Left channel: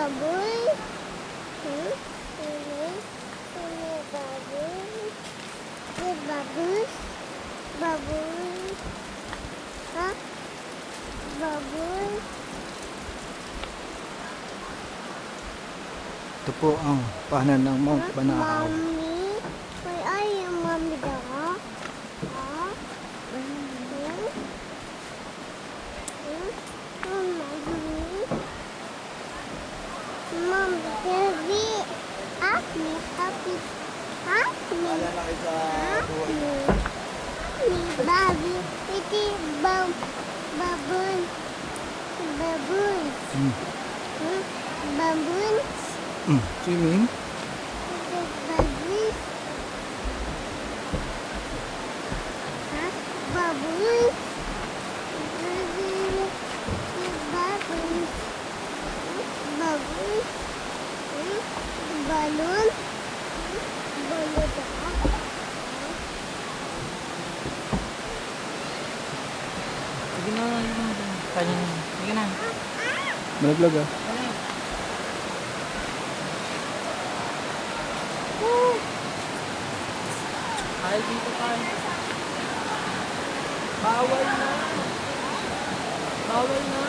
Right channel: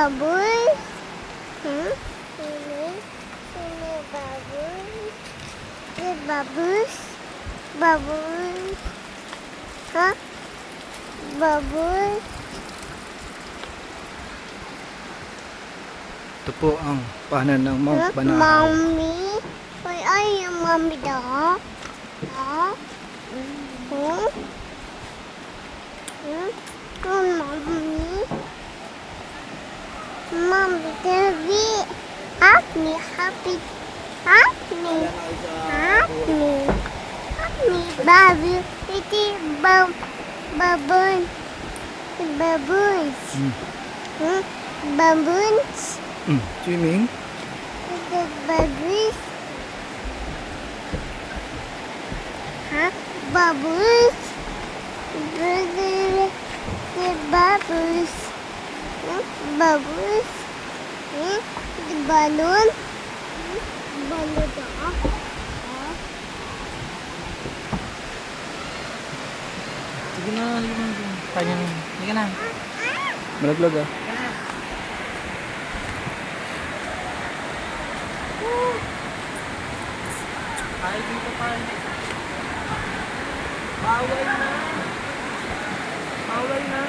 Bubbles. Hmm? Sino bubbles? The bubbles. Bubbles. Huh? Bubbles. Ito po ang paanan ng Mount Huh? Banahaw. Mommy. Where are you, Mommy dog? Huh? Hmm? Hmm? Oh, Mommy. Mommy, Daddy. Happy, happy, happy, happy, happy, baby, pretty baboon, baboons, hmm? Baboons, Swimming. the baboons, huh? Baboons, the baboons, baboons, the balloon, balloon. Sige na, kaya na. Sige na. Malaglag ah. Ay, dito tayo. Bawal na. Bawal na.